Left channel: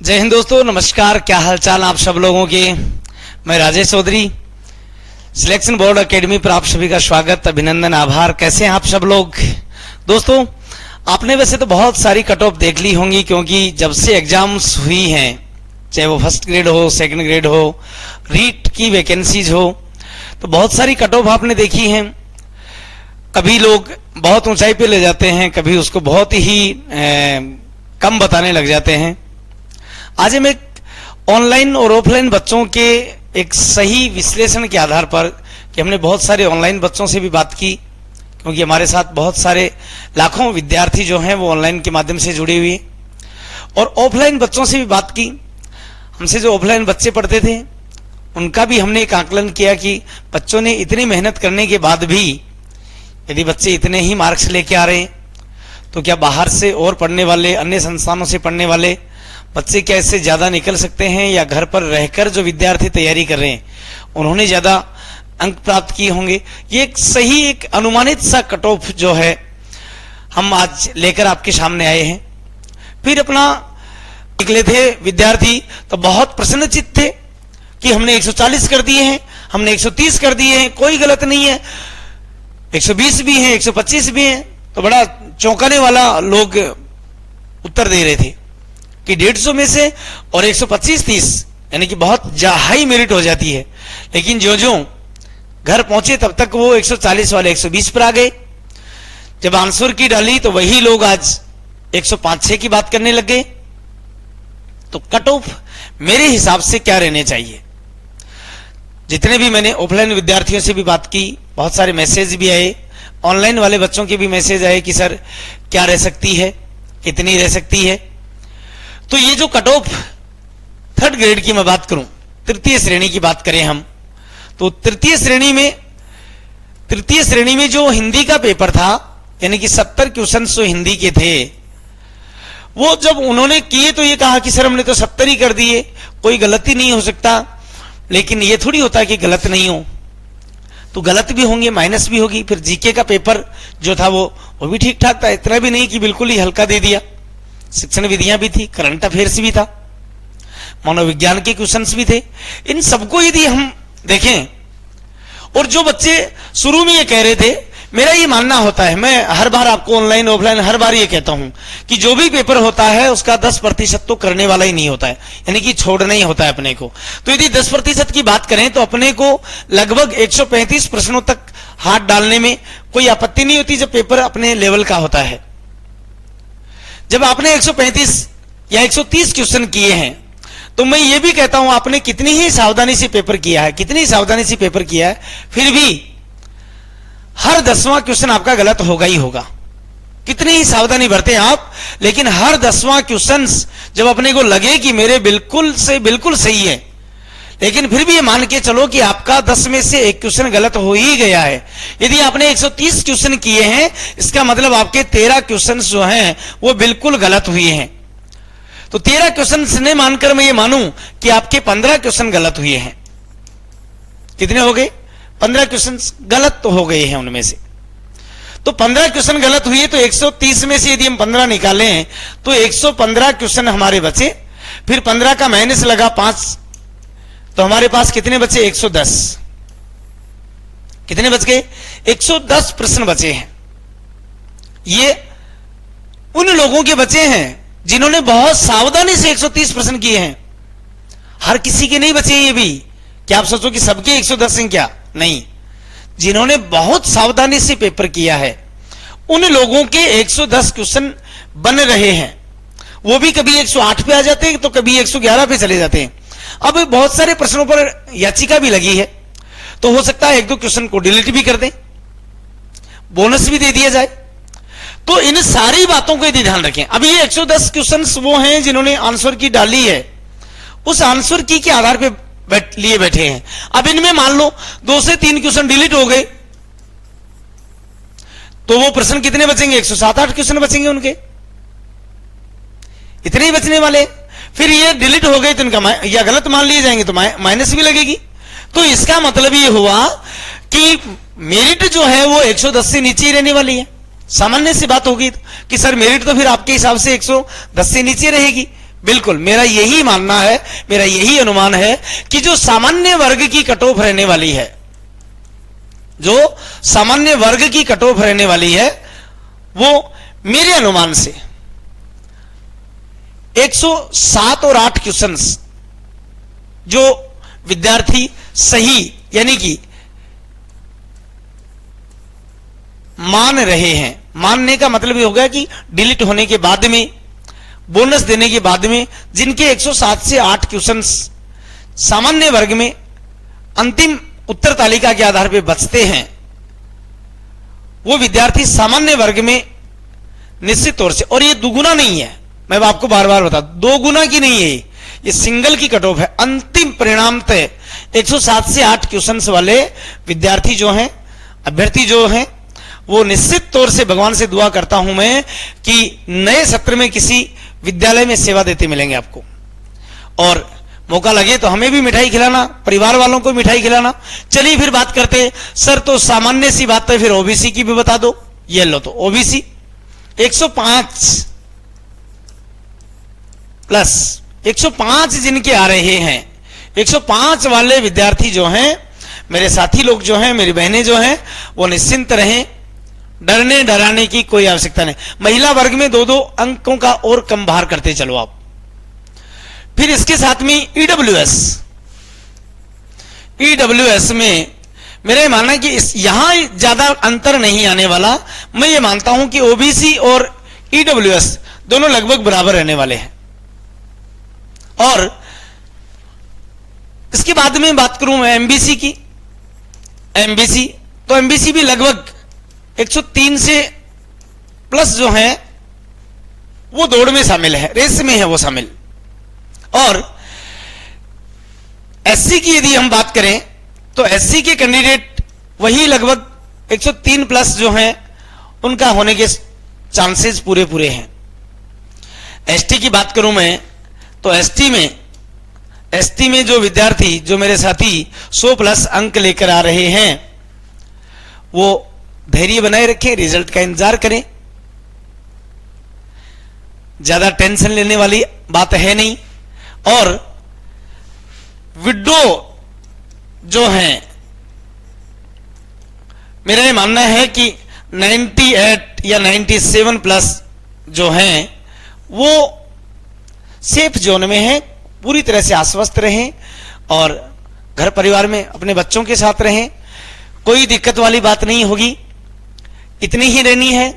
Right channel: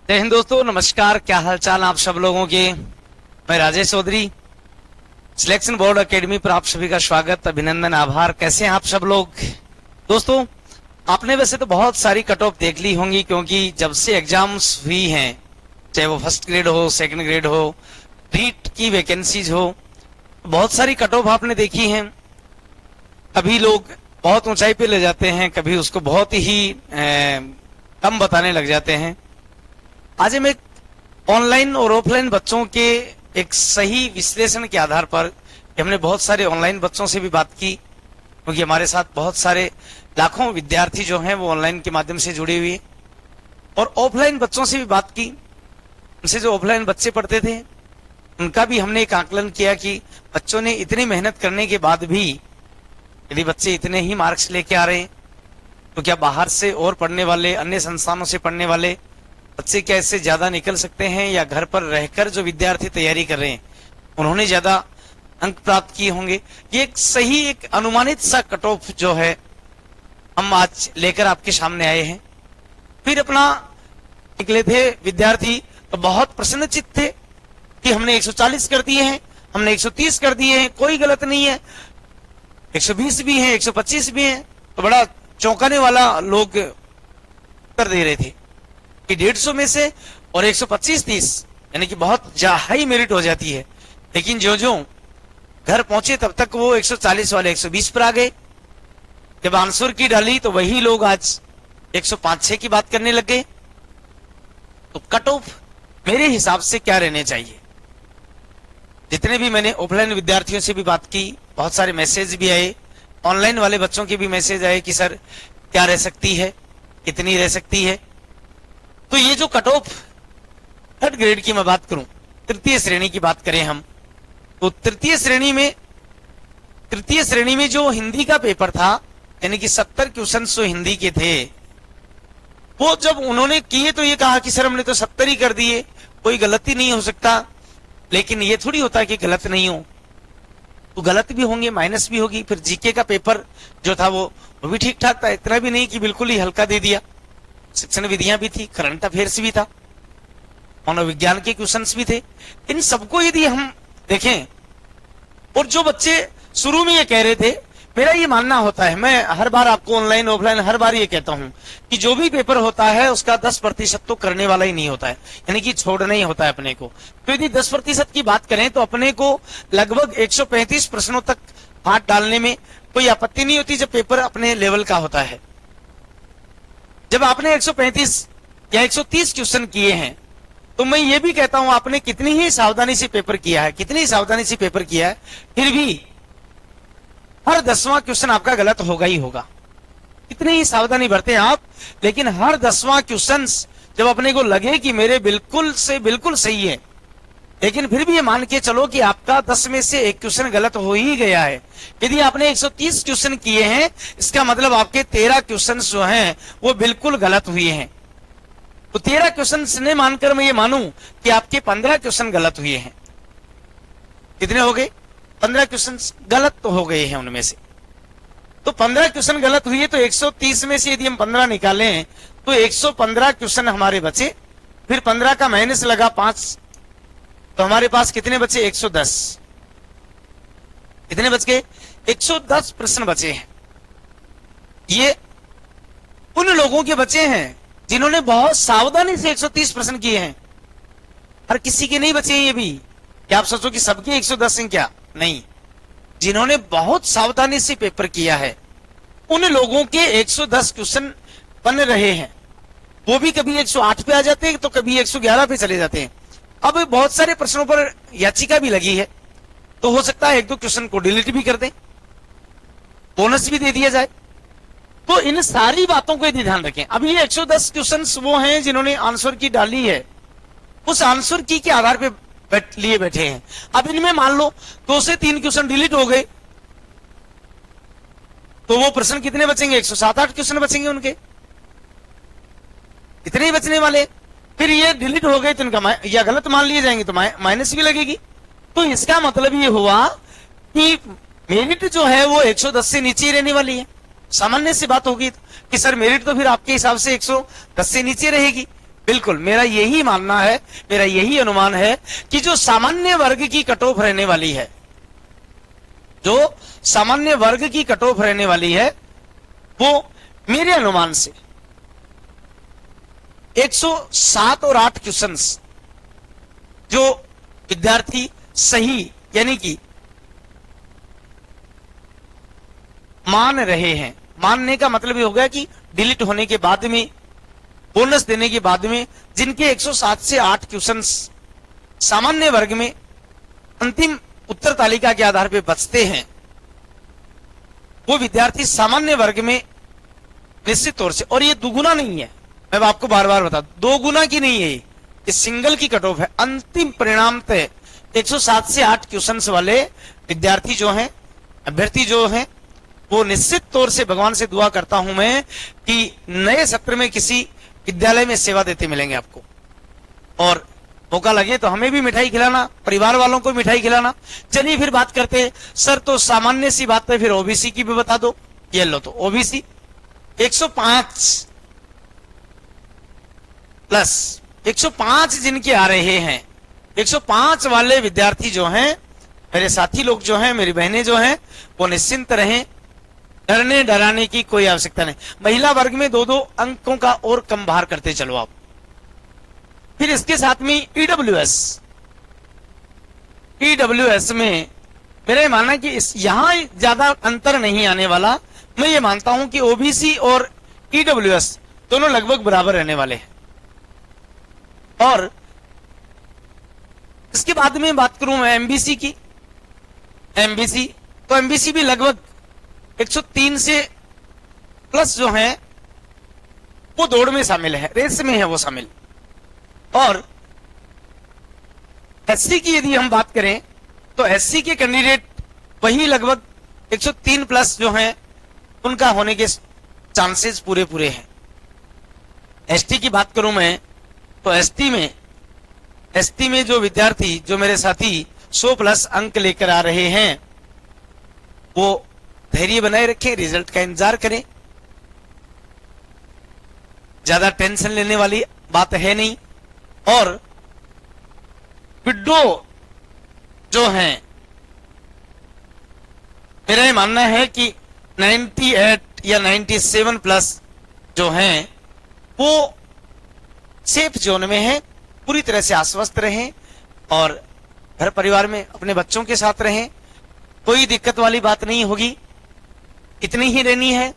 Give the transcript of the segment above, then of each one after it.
जय हिंद दोस्तों, नमस्कार। क्या हालचाल आप सब लोगों के। मैं Rajesh Chaudhary, selection board academy पर आप सभी का स्वागत, अभिनंदन, आभार। कैसे हैं आप सब लोग। दोस्तों, आपने वैसे तो बहुत सारी कट ऑफ देख ली होंगी, क्योंकि जब से एग्जाम्स हुई हैं, चाहे वो फर्स्ट ग्रेड हो, सेकंड ग्रेड हो, रीट की वैकेंसीज हो, तो बहुत सारी कट ऑफ आपने देखी हैं। कभी लोग बहुत ऊंचाई पे ले जाते हैं, कभी उसको बहुत ही कम बताने लग जाते हैं। आज हम एक ऑनलाइन और ऑफलाइन बच्चों के एक सही विश्लेषण के आधार पर, कि हमने बहुत सारे ऑनलाइन बच्चों से भी बात की, क्योंकि हमारे साथ बहुत सारे लाखों विद्यार्थी जो हैं वो ऑनलाइन के माध्यम से जुड़े हुए, और ऑफलाइन बच्चों से भी बात की। हमसे जो ऑफलाइन बच्चे पढ़ते थे उनका भी हमने एक आकलन किया कि बच्चों ने इतनी मेहनत करने के बाद भी यदि बच्चे इतने ही मार्क्स लेके आ रहे हैं, तो क्या बाहर से और पढ़ने वाले, अन्य संस्थानों से पढ़ने वाले बच्चे क्या इससे ज़्यादा निकल सकते हैं, या घर पर रहकर जो विद्यार्थी तैयारी कर रहे हैं उन्होंने ज़्यादा अंक प्राप्त किए होंगे। ये एक सही, एक अनुमानित सा कट ऑफ जो है हम आज लेकर आपके सामने आए हैं। फिर अपना निकले थे विद्यार्थी तो बहुत प्रसन्नचित्त थे कि हमने 140 कर दिए हैं, हमने 130 कर दिए हैं, कोई गलत नहीं है, 120 भी हैं, 125 भी हैं। तो बड़ा चौंकाने वाला लोग उत्तर दे रहे थे कि 150 में से और 125-30 यानी कि बहुत हाई मेरिट हो जाती है। लेकिन जो जो घर पहुंचे तब तक वो 140 वाले 120 पर आ गए। जब आंसर की डाली तो वही लोग आज 105-6 की बात करने लग गए। तो कट ऑफ मेरे हिसाब से क्या रहने चाहिए। जितने भी मैंने ऑफलाइन विद्यार्थियों से भी बात की, बहुत सारे मैसेज भी आए, ऑनलाइन वाले बच्चों के भी मैसेज आए कि सर क्या रह सकती है, कितनी रह सकती है। तो ये जो कट ऑफ थर्ड ग्रेड की मैं बात करूं, तृतीय श्रेणी की बात करें हम, तो तृतीय श्रेणी में जो हिंदी का पेपर था, यानी कि 70 क्वेश्चन जो हिंदी के थे, वो जब उन्होंने किए तो ये कहा कि सर हमने तो 70 ही कर दिए, कोई गलती नहीं हो सकता। लेकिन ये थोड़ी होता कि गलत नहीं हो, तो गलत भी होंगे, माइनस भी होगी। फिर जीके का पेपर जो था वो भी ठीक ठाक था, इतना भी नहीं कि बिल्कुल ही हल्का दे दिया। शिक्षण विधियां भी थी, करंट अफेयर्स भी था, मनोविज्ञान के क्वेश्चंस भी थे। इन सबको यदि हम देखें, और जो बच्चे शुरू में ये कह रहे थे, मेरा ये मानना होता है, मैं हर बार आपको ऑनलाइन ऑफलाइन हर बार ये कहता हूं कि जो भी पेपर होता है उसका 10% तो करने वाला ही नहीं होता है, यानी कि छोड़ना ही होता है अपने को। तो यदि 10% की बात करें तो अपने को लगभग 135 प्रश्नों तक हाथ डालने में कोई आपत्ति नहीं होती, जब पेपर अपने लेवल का होता है। जब आपने 135 या 130 क्वेश्चन किए हैं, तो मैं ये भी कहता हूं आपने कितनी ही सावधानी से पेपर किया है, कितनी सावधानी से पेपर किया है, फिर भी हर 10वां क्वेश्चन आपका गलत होगा ही होगा। कितनी ही सावधानी बरते आप, लेकिन हर 10वां क्वेश्चन जब अपने को लगे कि मेरे बिल्कुल से बिल्कुल सही है, लेकिन फिर भी ये मान के चलो कि आपका 10 में से एक क्वेश्चन गलत हो ही गया है। यदि आपने 130 क्वेश्चन किए हैं, इसका मतलब आपके 13 क्वेश्चन जो हैं वो बिल्कुल गलत हुए हैं। तो 13 क्वेश्चन ने मानकर मैं ये मानूं कि आपके 15 क्वेश्चन गलत हुए हैं। कितने हो गए? 15 क्वेश्चन गलत तो हो गए हैं उनमें से। तो 15 क्वेश्चन गलत हुए, तो 130 में से यदि हम 15 निकालें तो 115 क्वेश्चन हमारे बचे। फिर 15 का माइनस लगा 5, तो हमारे पास कितने बचे? 110। कितने बच गए? 110 प्रश्न बचे हैं। ये उन लोगों के बचे हैं जिन्होंने बहुत सावधानी से 130 प्रश्न किए हैं। हर किसी के नहीं बचे ये भी। क्या आप सोचो कि सबके 110 हैं? क्या नहीं, जिन्होंने बहुत सावधानी से पेपर किया है उन लोगों के 110 क्वेश्चन बन रहे हैं। वो भी कभी 108 पे आ जाते हैं, तो कभी 111 पे चले जाते हैं। अब बहुत सारे प्रश्नों पर याचिका भी लगी है, तो हो सकता है 1-2 क्वेश्चन को डिलीट भी कर दें, बोनस भी दे दिया जाए। तो इन सारी बातों को यदि ध्यान रखें। अभी ये 110 क्वेश्चन वो हैं जिन्होंने आंसर की डाली है, उस आंसर की के आधार पे लिए बैठे हैं। अब इनमें मान लो 2 से 3 क्वेश्चन डिलीट हो गए, तो वो प्रश्न कितने बचेंगे? 107-8 क्वेश्चन बचेंगे उनके, इतने ही बचने वाले। फिर ये डिलीट हो गए तो इनका या गलत मान लिए जाएंगे तो माइनस भी लगेगी। तो इसका मतलब ये हुआ कि मेरिट जो है वो 110 से नीचे ही रहने वाली है। सामान्य सी बात होगी कि सर मेरिट तो फिर आपके हिसाब से 110 से नीचे रहेगी, बिल्कुल मेरा यही मानना है, मेरा यही अनुमान है कि जो सामान्य वर्ग की कट ऑफ रहने वाली है, जो सामान्य वर्ग की कट ऑफ रहने वाली है, वो मेरे अनुमान से 107 और 8 क्वेश्चंस जो विद्यार्थी सही यानी कि मान रहे हैं, मानने का मतलब ये होगा कि डिलीट होने के बाद में, बोनस देने के बाद में जिनके 107 से 8 क्वेश्चंस सामान्य वर्ग में अंतिम उत्तर तालिका के आधार पर बचते हैं, वो विद्यार्थी सामान्य वर्ग में निश्चित तौर से, और ये दुगुना नहीं है, मैं आपको बार बार बता, दो गुना की नहीं है, ये सिंगल की कट ऑफ है। अंतिम परिणाम तय 107 से 8 क्वेश्चंस वाले विद्यार्थी जो हैं, अभ्यर्थी जो हैं, वो निश्चित तौर से भगवान से दुआ करता हूं मैं कि नए सत्र में किसी विद्यालय में सेवा देते मिलेंगे आपको, और मौका लगे तो हमें भी मिठाई खिलाना, परिवार वालों को मिठाई खिलाना। चलिए फिर बात करते हैं। सर तो सामान्य सी बात है, फिर ओबीसी की भी बता दो। ये लो, तो ओबीसी 105 प्लस 105 जिनके आ रहे हैं, 105 वाले विद्यार्थी जो हैं, मेरे साथी लोग जो हैं, मेरी बहनें जो हैं, वो निश्चिंत रहें, डरने डराने की कोई आवश्यकता नहीं। महिला वर्ग में 2-2 अंकों का और कम भार करते चलो आप। फिर इसके साथ में ईडब्ल्यूएस में मेरा ये मानना है कि यहां ज्यादा अंतर नहीं आने वाला। मैं ये मानता हूं कि ओबीसी और ईडब्ल्यूएस दोनों लगभग बराबर रहने वाले हैं। और इसके बाद में बात करूं मैं एमबीसी की, एमबीसी तो एमबीसी भी लगभग 103 से प्लस जो है वो दौड़ में शामिल है, रेस में है वो शामिल। और एससी की यदि हम बात करें तो एससी के कैंडिडेट वही लगभग 103 प्लस जो हैं उनका होने के चांसेस पूरे पूरे हैं। एसटी की बात करूं मैं तो एसटी में जो विद्यार्थी, जो मेरे साथी 100 प्लस अंक लेकर आ रहे हैं, वो धैर्य बनाए रखें, रिजल्ट का इंतजार करें। ज्यादा टेंशन लेने वाली बात है नहीं। और विड्रो जो हैं, मेरा ये मानना है कि 98 या 97 प्लस जो हैं वो सेफ जोन में हैं। पूरी तरह से आश्वस्त रहें और घर परिवार में अपने बच्चों के साथ रहें, कोई दिक्कत वाली बात नहीं होगी। इतनी ही रहनी है,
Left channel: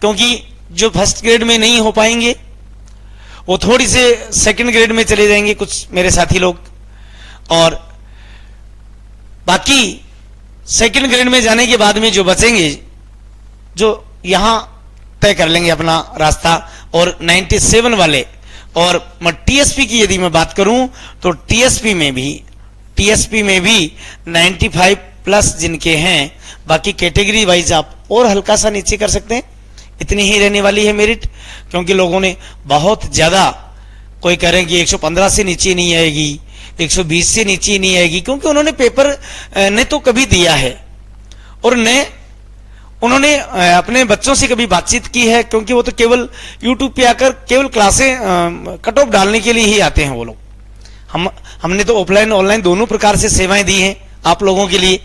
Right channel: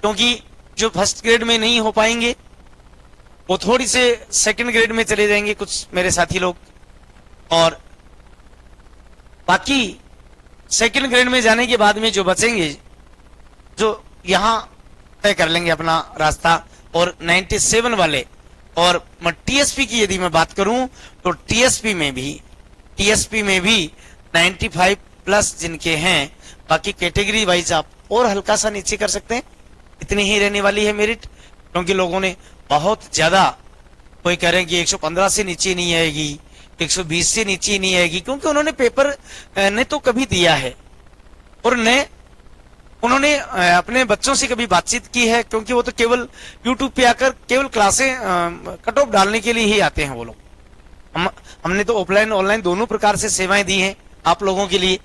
क्योंकि जो फर्स्ट ग्रेड में नहीं हो पाएंगे वो थोड़ी से सेकंड ग्रेड में चले जाएंगे कुछ मेरे साथी लोग, और बाकी सेकंड ग्रेड में जाने के बाद में जो बचेंगे, जो यहां तय कर लेंगे अपना रास्ता। और 97 वाले, और मैं टीएसपी की यदि मैं बात करूं तो टीएसपी में भी 95 प्लस जिनके हैं, बाकी कैटेगरी वाइज आप और हल्का सा नीचे कर सकते हैं। इतनी ही रहने वाली है मेरिट, क्योंकि लोगों ने बहुत ज्यादा, कोई कह रहे हैं कि 115 से नीचे नहीं आएगी, 120 से नीचे नहीं आएगी, क्योंकि उन्होंने पेपर ने तो कभी दिया है और ने उन्होंने अपने बच्चों से कभी बातचीत की है, क्योंकि वो तो केवल यूट्यूब पे आकर केवल क्लासें कट ऑफ डालने के लिए ही आते हैं वो लोग। हमने तो ऑफलाइन ऑनलाइन दोनों प्रकार से सेवाएं दी हैं आप लोगों के लिए।